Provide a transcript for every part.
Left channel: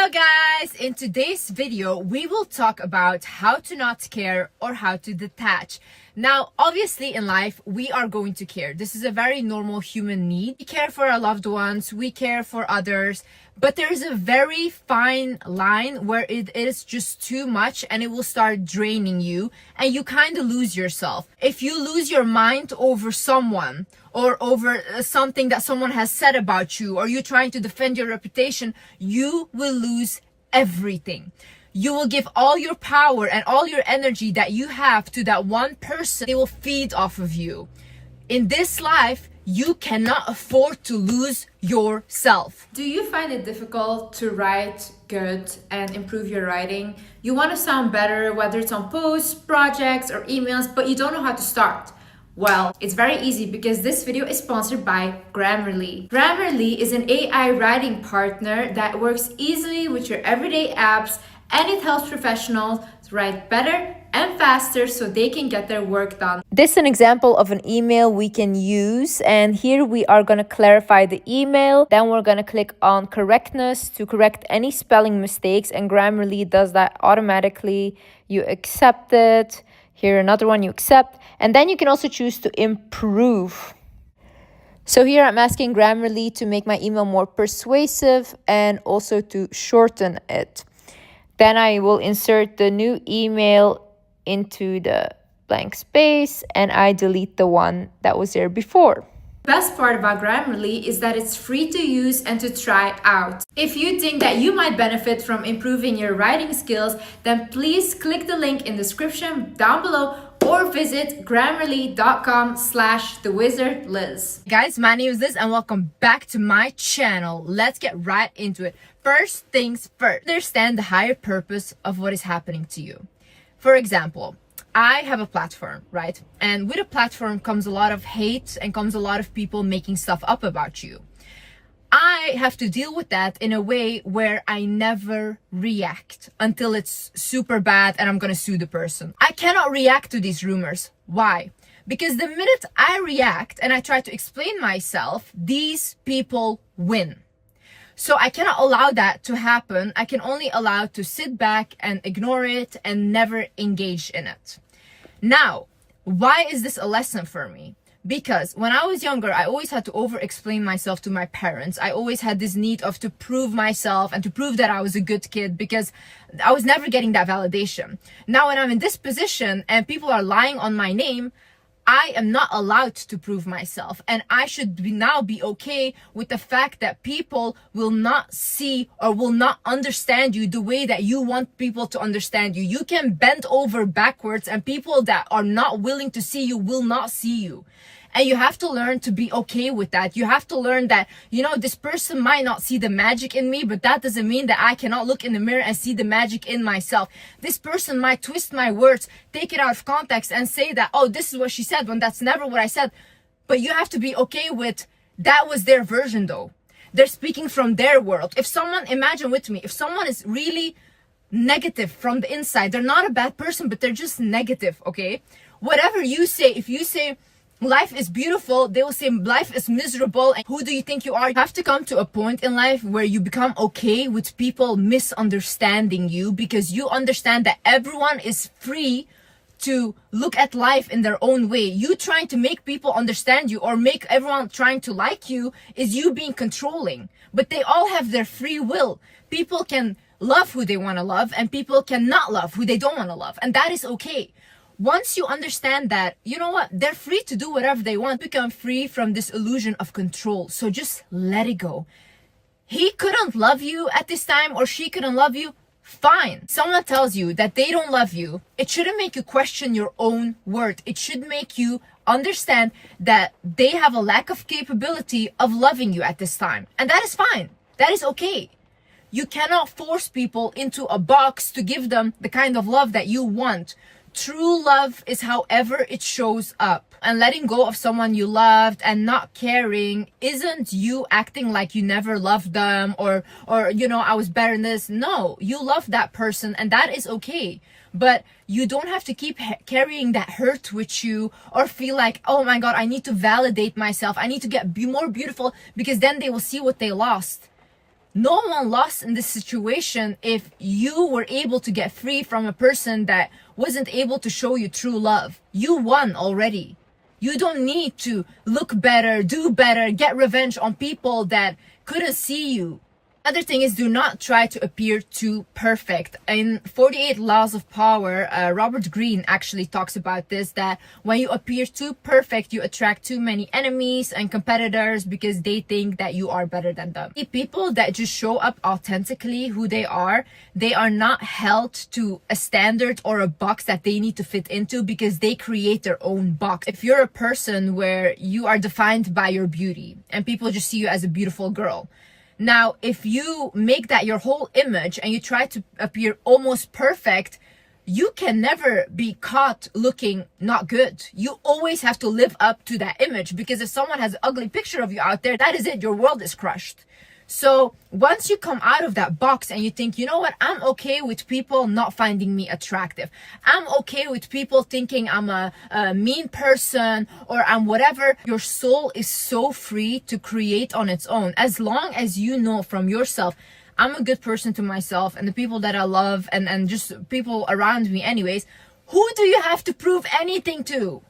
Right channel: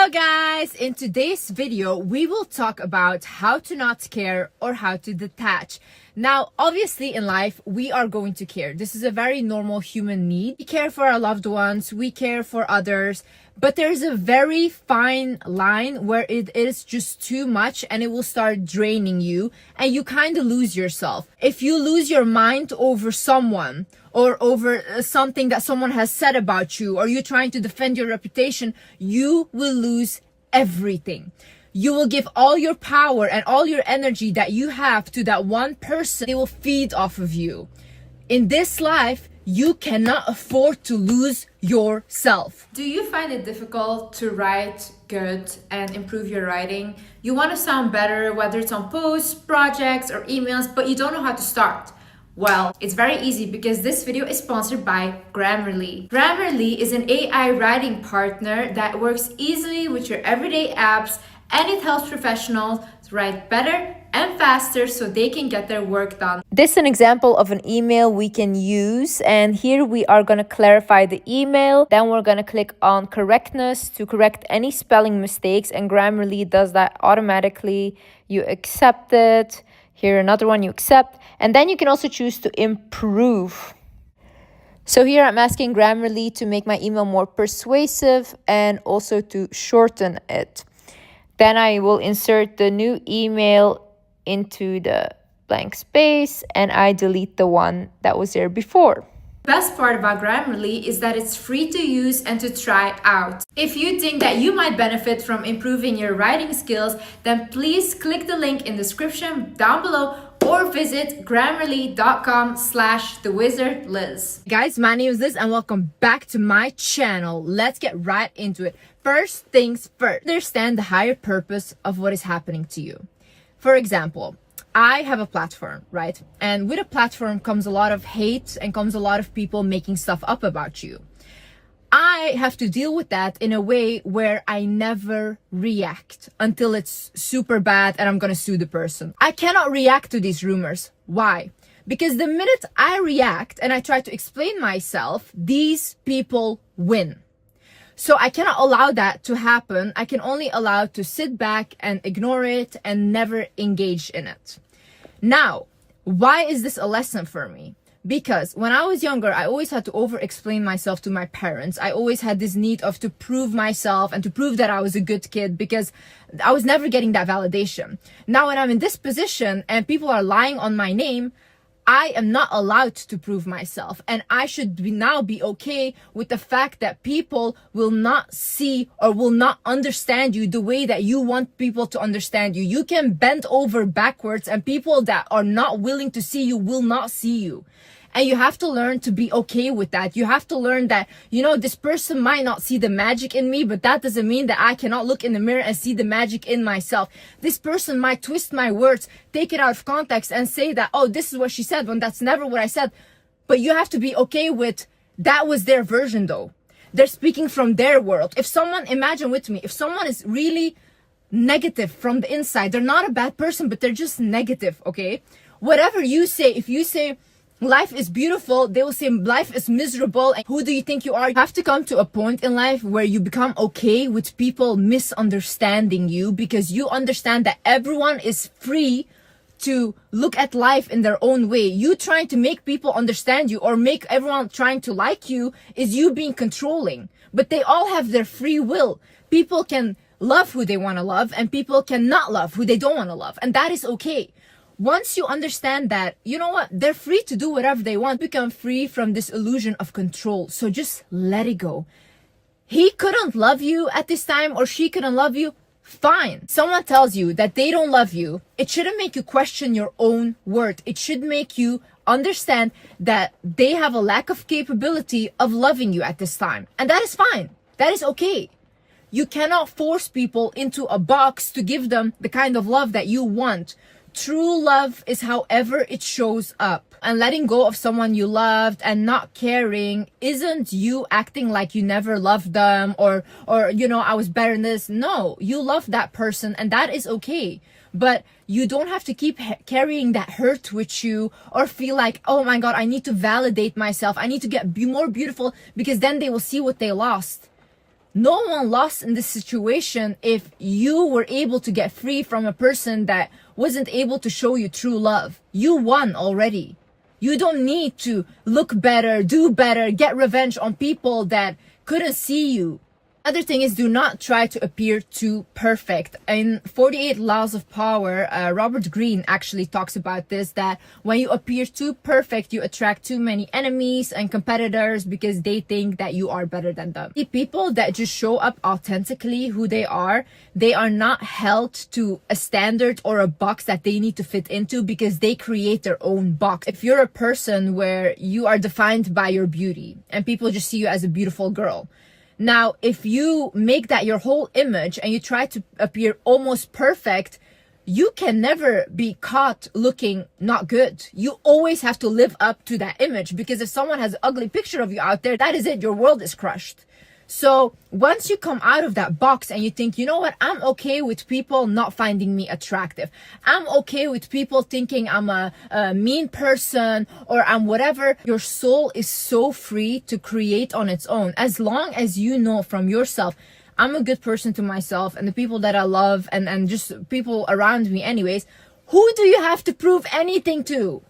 Hello guys, in today's video we will talk about how to not care or how to detach. Now obviously in life we are going to care. This is a very normal human need. We care for our loved ones, we care for others, but there's a very fine line where it is just too much and it will start draining you and you kind of lose yourself. If you lose your mind over someone or over something that someone has said about you, or you trying to defend your reputation, you will lose everything. You will give all your power and all your energy that you have to that one person. They will feed off of you. In this life, you cannot afford to lose yourself. Do you find it difficult to write good and improve your writing? You want to sound better, whether it's on posts, projects, or emails, but you don't know how to start. Well, it's very easy because this video is sponsored by Grammarly. Grammarly is an AI writing partner that works easily with your everyday apps, and it helps professionals write better and faster so they can get their work done. This is an example of an email we can use, and here we are going to clarify the email. Then we're going to click on correctness to correct any spelling mistakes, and Grammarly does that automatically. You accept it. Here another one you accept, and then you can also choose to improve. So here I'm asking Grammarly to make my email more persuasive and also to shorten it. Then I will insert the new email into the blank space and I delete the one that was there before. The best part about Grammarly is that it's free to use and to try out. If you think that you might benefit from improving your writing skills, then please click the link in the description down below or visit grammarly.com/thewizardliz. Guys, my name is Liz and welcome back to my channel. Let's get right into it. First things first, understand the higher purpose of what is happening to you. For example, I have a platform, right? And with a platform comes a lot of hate and comes a lot of people making stuff up about you. I have to deal with that in a way where I never react until it's super bad and I'm gonna sue the person. I cannot react to these rumors. Why? Because the minute I react and I try to explain myself, these people win. So I cannot allow that to happen. I can only allow to sit back and ignore it and never engage in it. Now, why is this a lesson for me? Because when I was younger, I always had to over-explain myself to my parents. I always had this need of to prove myself and to prove that I was a good kid because I was never getting that validation. Now, when I'm in this position and people are lying on my name, I am not allowed to prove myself, and I should now be okay with the fact that people will not see or will not understand you the way that you want people to understand you. You can bend over backwards and people that are not willing to see you will not see you. And you have to learn to be okay with that. You have to learn that, this person might not see the magic in me, but that doesn't mean that I cannot look in the mirror and see the magic in myself. This person might twist my words, take it out of context and say that, oh, this is what she said when that's never what I said. But you have to be okay with that was their version though. They're speaking from their world. Imagine with me, if someone is really negative from the inside, they're not a bad person, but they're just negative, okay? Whatever you say, if you say, life is beautiful, they will say life is miserable. And who do you think you are? You have to come to a point in life where you become okay with people misunderstanding you, because you understand that everyone is free to look at life in their own way. You trying to make people understand you or make everyone trying to like you is you being controlling. But they all have their free will. People can love who they want to love and people cannot love who they don't want to love. And that is okay. Once you understand that, you know what, they're free to do whatever they want, become free from this illusion of control. So just let it go. He couldn't love you at this time or she couldn't love you. Fine. Someone tells you that they don't love you. It shouldn't make you question your own worth. It should make you understand that they have a lack of capability of loving you at this time. And that is fine. That is okay. You cannot force people into a box to give them the kind of love that you want. True love is however it shows up. And letting go of someone you loved and not caring isn't you acting like you never loved them or I was better than this. No, you love that person and that is okay. But you don't have to keep carrying that hurt with you or feel like, oh my God, I need to validate myself. I need to be more beautiful because then they will see what they lost. No one lost in this situation if you were able to get free from a person that wasn't able to show you true love. You won already. You don't need to look better, do better, get revenge on people that couldn't see you. Other thing is, do not try to appear too perfect. In 48 Laws of Power, Robert Greene actually talks about this, that when you appear too perfect, you attract too many enemies and competitors because they think that you are better than them. The people that just show up authentically who they are not held to a standard or a box that they need to fit into because they create their own box. If you're a person where you are defined by your beauty and people just see you as a beautiful girl, now, if you make that your whole image and you try to appear almost perfect, you can never be caught looking not good. You always have to live up to that image, because if someone has an ugly picture of you out there, that is it. Your world is crushed. So once you come out of that box and you think, you know what, I'm okay with people not finding me attractive. I'm okay with people thinking I'm a mean person or I'm whatever. Your soul is so free to create on its own. As long as you know from yourself, I'm a good person to myself and the people that I love and just people around me anyways, who do you have to prove anything to?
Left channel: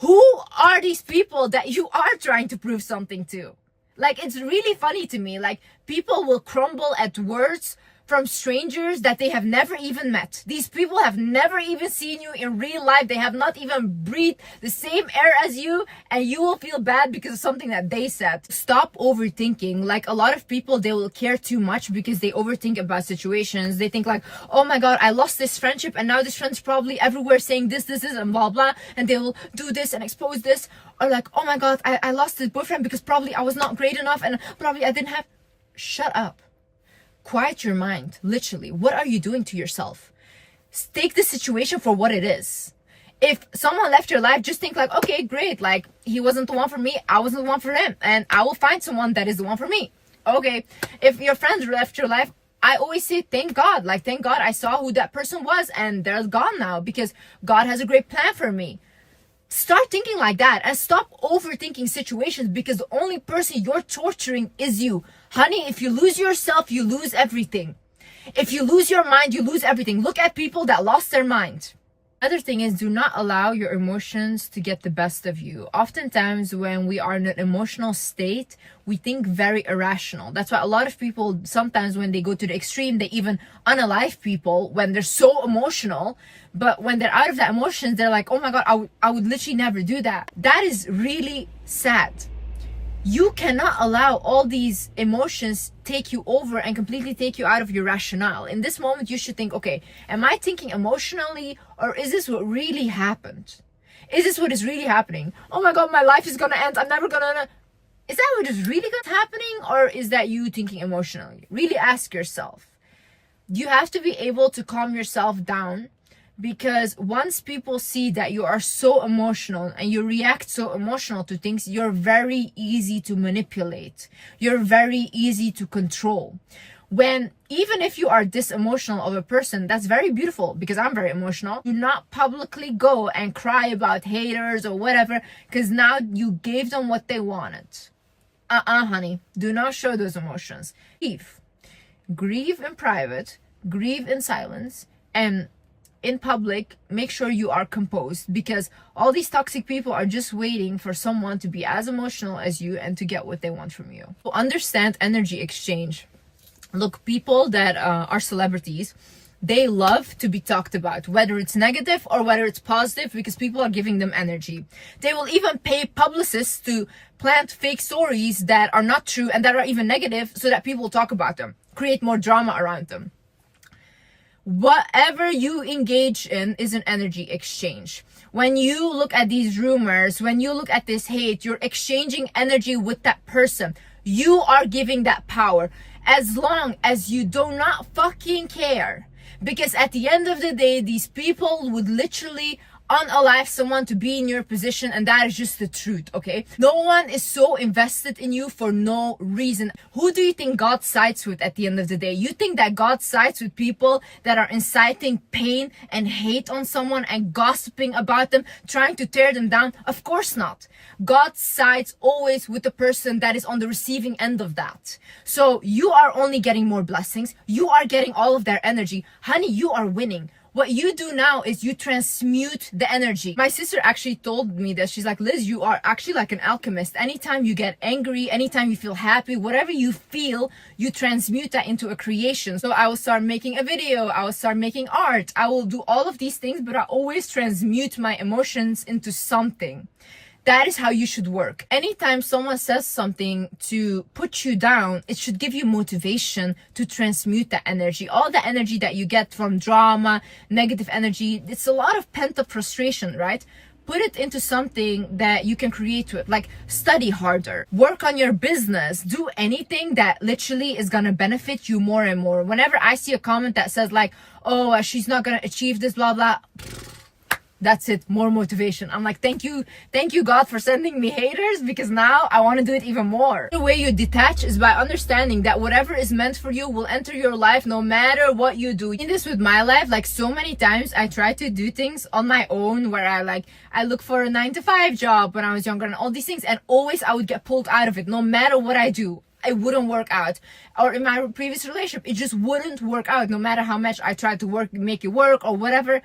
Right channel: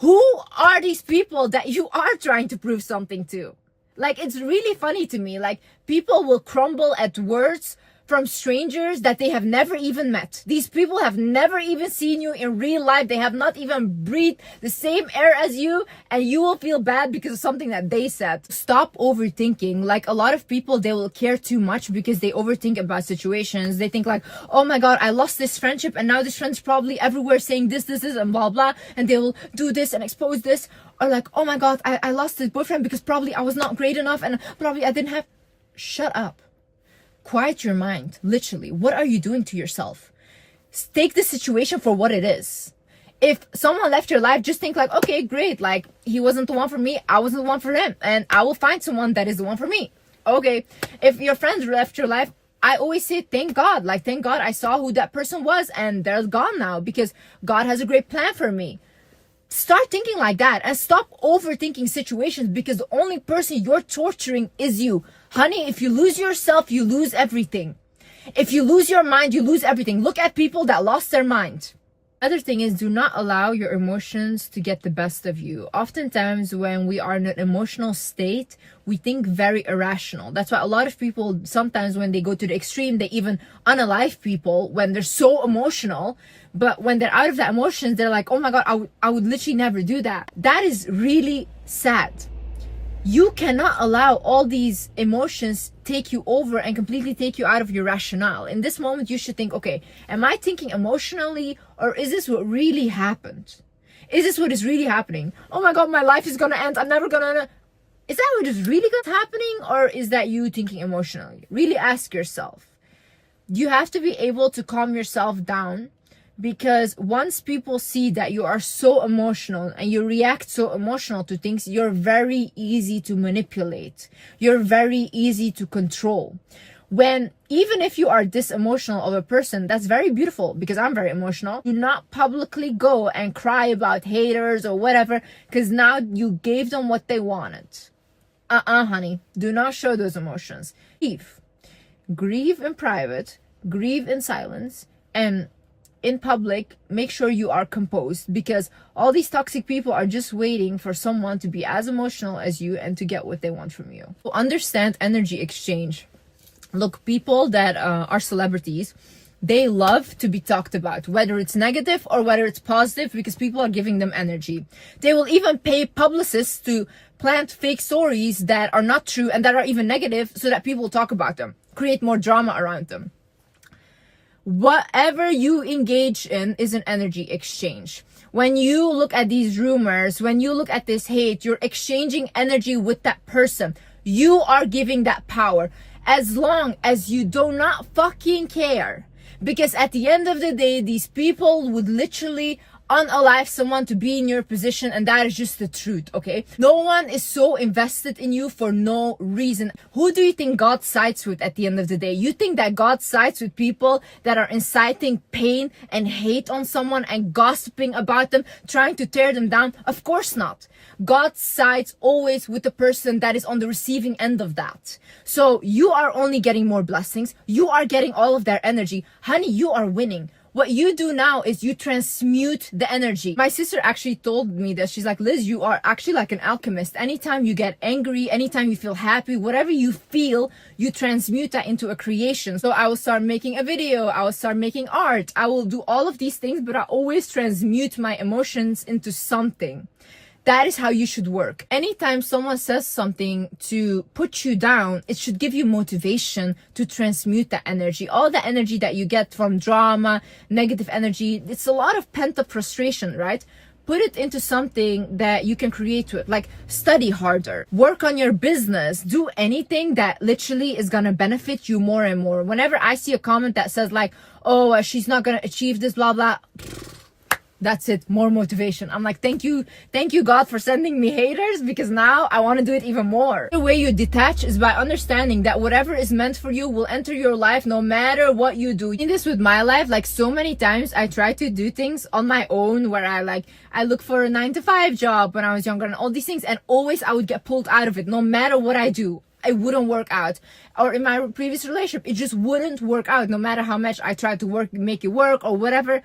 Who are these people that you are trying to prove something to? Like, it's really funny to me. Like, people will crumble at words from strangers that they have never even met. These people have never even seen you in real life. They have not even breathed the same air as you, and you will feel bad because of something that they said. Stop overthinking. Like, a lot of people, they will care too much because they overthink about situations. They think like, oh my God, I lost this friendship and now this friend's probably everywhere saying this, and blah, blah. And they will do this and expose this. Or like, oh my God, I lost this boyfriend because probably I was not great enough and probably I didn't have... Shut up. Quiet your mind. Literally, what are you doing to yourself? Take the situation for what it is. If someone left your life, just think like, okay, great. Like, he wasn't the one for me. I wasn't the one for him. And I will find someone that is the one for me. Okay. If your friends left your life, I always say, thank God. Like, thank God I saw who that person was and they're gone now because God has a great plan for me. Start thinking like that and stop overthinking situations, because the only person you're torturing is you. Honey, if you lose yourself, you lose everything. If you lose your mind, you lose everything. Look at people that lost their mind. Other thing is, do not allow your emotions to get the best of you. Oftentimes when we are in an emotional state, we think very irrational. That's why a lot of people, sometimes when they go to the extreme, they even unalive people when they're so emotional. But when they're out of that emotions, they're like, oh my God, I would literally never do that. That is really sad. You cannot allow all these emotions take you over and completely take you out of your rationale. In this moment, you should think, okay, am I thinking emotionally, or is this what really happened? Is this what is really happening? Oh my God, my life is gonna end. I'm never gonna... Is that what is really happening, or is that you thinking emotionally? Really ask yourself. You have to be able to calm yourself down, because once people see that you are so emotional and you react so emotional to things, you're very easy to manipulate. You're very easy to control. When, even if you are this emotional of a person, that's very beautiful, because I'm very emotional. Do not publicly go and cry about haters or whatever, because now you gave them what they wanted. Honey, do not show those emotions. Grieve in private, grieve in silence, and in public, make sure you are composed, because all these toxic people are just waiting for someone to be as emotional as you and to get what they want from you. So understand energy exchange. Look, people that are celebrities, they love to be talked about, whether it's negative or whether it's positive, because people are giving them energy. They will even pay publicists to plant fake stories that are not true and that are even negative, so that people will talk about them, create more drama around them. Whatever you engage in is an energy exchange. When you look at these rumors, when you look at this hate, you're exchanging energy with that person. You are giving that power, as long as you do not fucking care. Because at the end of the day, these people would literally unalive someone to be in your position, and that is just the truth, okay? No one is so invested in you for no reason. Who do you think God sides with at the end of the day? You think that God sides with people that are inciting pain and hate on someone and gossiping about them, trying to tear them down? Of course not. God sides always with the person that is on the receiving end of that. So you are only getting more blessings. You are getting all of their energy. Honey, you are winning. What you do now is you transmute the energy. My sister actually told me that. She's like, Liz, you are actually like an alchemist. Anytime you get angry, anytime you feel happy, whatever you feel, you transmute that into a creation. So I will start making a video. I will start making art. I will do all of these things, but I always transmute my emotions into something. That is how you should work. Anytime someone says something to put you down, it should give you motivation to transmute that energy. All the energy that you get from drama, negative energy, it's a lot of pent-up frustration, right? Put it into something that you can create with, like study harder, work on your business, do anything that literally is gonna benefit you more and more. Whenever I see a comment that says like, oh, she's not gonna achieve this, blah, blah, that's it, more motivation. I'm like, thank you God for sending me haters, because now I want to do it even more. The way you detach is by understanding that whatever is meant for you will enter your life no matter what you do. In this with my life, like so many times I try to do things on my own, where I look for a 9-to-5 job when I was younger and all these things, and always I would get pulled out of it. No matter what I do, it wouldn't work out. Or in my previous relationship, it just wouldn't work out. No matter how much I tried to make it work or whatever.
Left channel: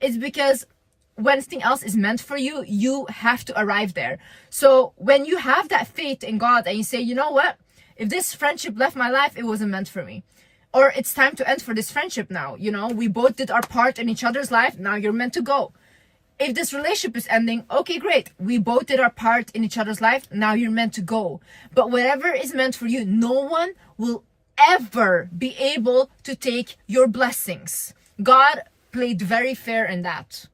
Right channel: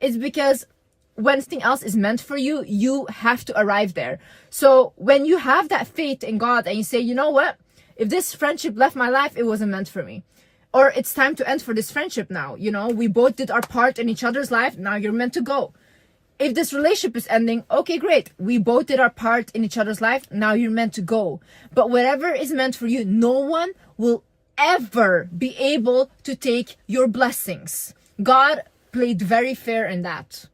It's because when something else is meant for you, you have to arrive there. So when you have that faith in God and you say, you know what, if this friendship left my life, it wasn't meant for me, or it's time to end for this friendship now, you know, we both did our part in each other's life, now you're meant to go. If this relationship is ending, okay, great, we both did our part in each other's life, now you're meant to go. But whatever is meant for you, no one will ever be able to take your blessings. God played very fair in that.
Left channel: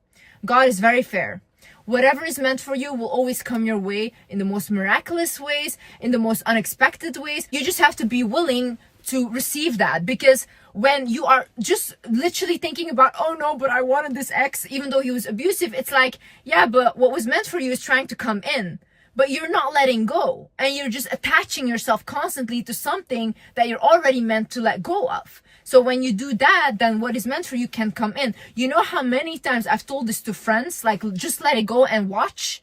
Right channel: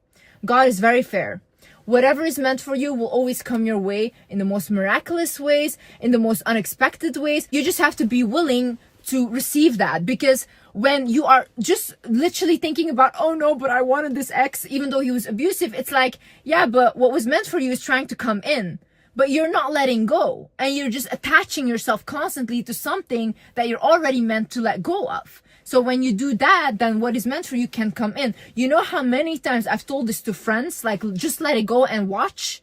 God is very fair. Whatever is meant for you will always come your way in the most miraculous ways, in the most unexpected ways. You just have to be willing to receive that, because when you are just literally thinking about, oh no, but I wanted this ex even though he was abusive, it's like, yeah, but what was meant for you is trying to come in, but you're not letting go, and you're just attaching yourself constantly to something that you're already meant to let go of. So when you do that, then what is meant for you can come in. You know how many times I've told this to friends, like, just let it go and watch,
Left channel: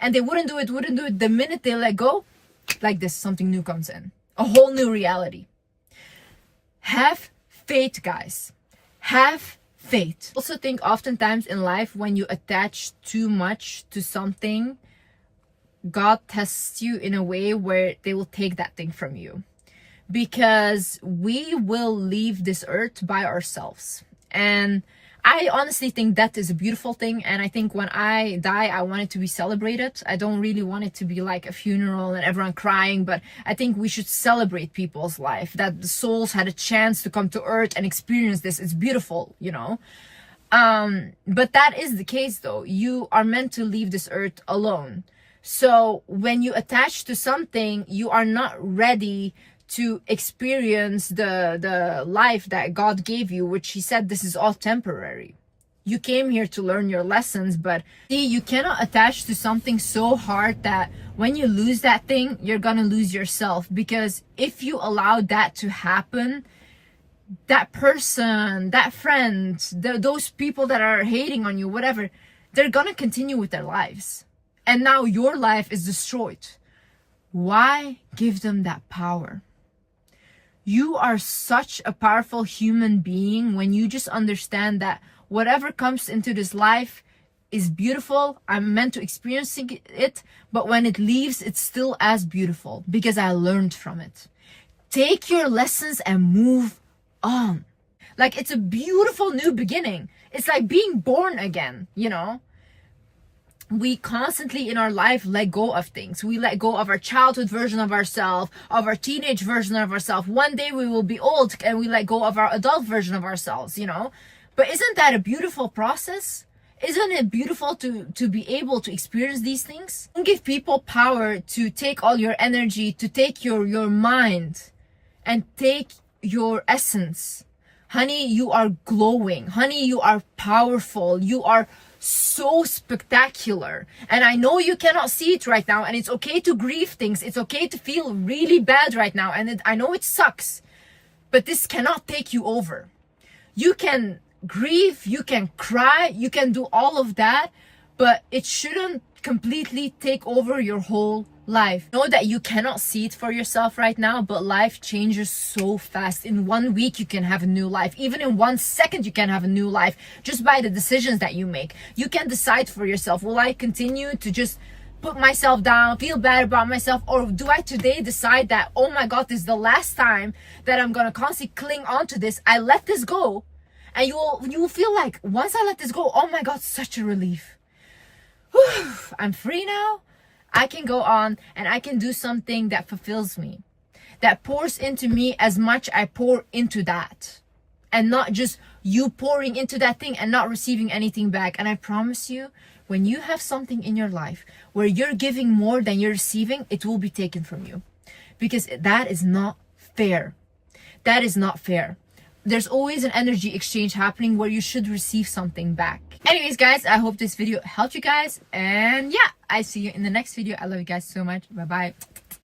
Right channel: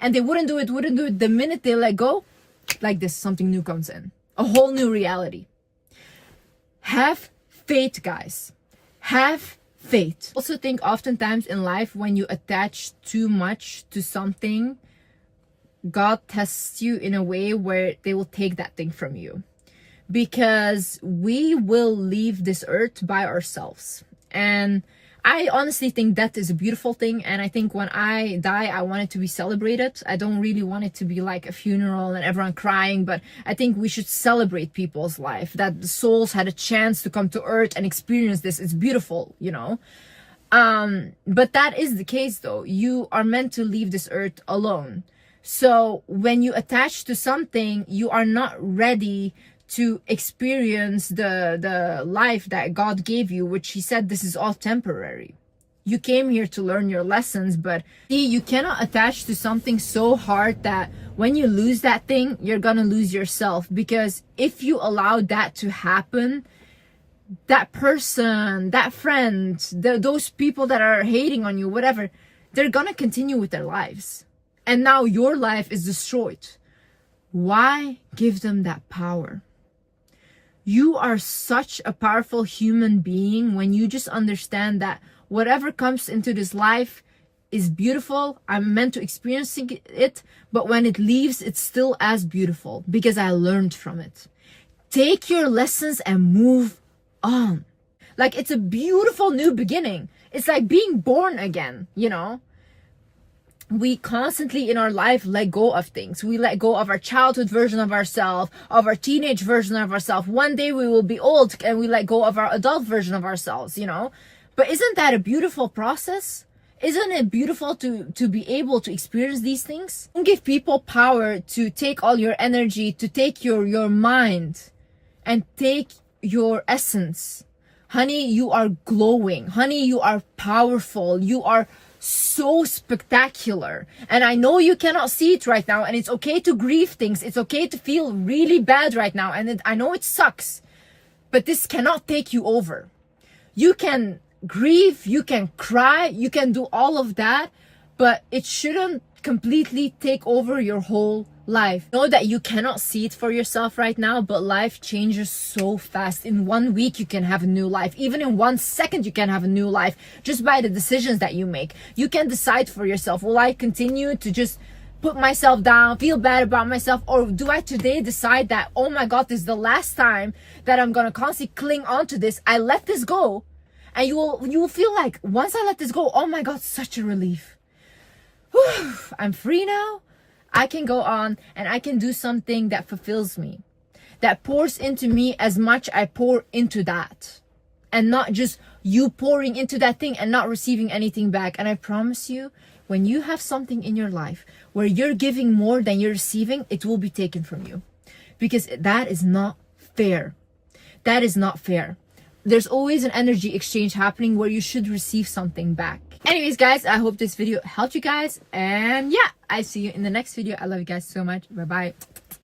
and they wouldn't do it. The minute they let go, like this, something new comes in, a whole new reality. Have faith, guys. Have faith. Also think oftentimes in life, when you attach too much to something, God tests you in a way where they will take that thing from you. Because we will leave this earth by ourselves. And I honestly think that is a beautiful thing. And I think when I die, I want it to be celebrated. I don't really want it to be like a funeral and everyone crying, but I think we should celebrate people's life, that the souls had a chance to come to earth and experience this. It's beautiful, you know. But that is the case though. You are meant to leave this earth alone. So when you attach to something, you are not ready to experience the life that God gave you, which he said this is all temporary. You came here to learn your lessons, but see, you cannot attach to something so hard that when you lose that thing, you're gonna lose yourself. Because if you allow that to happen, that person, that friend, those people that are hating on you, whatever, they're gonna continue with their lives. And now your life is destroyed. Why give them that power? You are such a powerful human being when you just understand that whatever comes into this life is beautiful. I'm meant to experience it, but when it leaves, it's still as beautiful because I learned from it. Take your lessons and move on. Like, it's a beautiful new beginning. It's like being born again, you know? We constantly in our life let go of things. We let go of our childhood version of ourselves, of our teenage version of ourselves. One day we will be old and we let go of our adult version of ourselves, you know? But isn't that a beautiful process? Isn't it beautiful to be able to experience these things? Don't give people power to take all your energy, to take your mind and take your essence. Honey, you are glowing. Honey, you are powerful. You are so spectacular. And I know you cannot see it right now, and it's okay to grieve things. It's okay to feel really bad right now, and I know it sucks, but this cannot take you over. You can grieve, you can cry, you can do all of that, but it shouldn't completely take over your whole life. Know that you cannot see it for yourself right now, but life changes so fast. In 1 week, you can have a new life. Even in 1 second, you can have a new life just by the decisions that you make. You can decide for yourself, will I continue to just put myself down, feel bad about myself, or do I today decide that, oh my God, this is the last time that I'm gonna constantly cling on to this. I let this go. And you will feel like, once I let this go, oh my God, such a relief. Whew, I'm free now. I can go on and I can do something that fulfills me, that pours into me as much I pour into that, and not just you pouring into that thing and not receiving anything back. And I promise you, when you have something in your life where you're giving more than you're receiving, it will be taken from you, because that is not fair. That is not fair. There's always an energy exchange happening where you should receive something back. Anyways, guys, I hope this video helped you guys. And yeah, I see you in the next video. I love you guys so much. Bye-bye.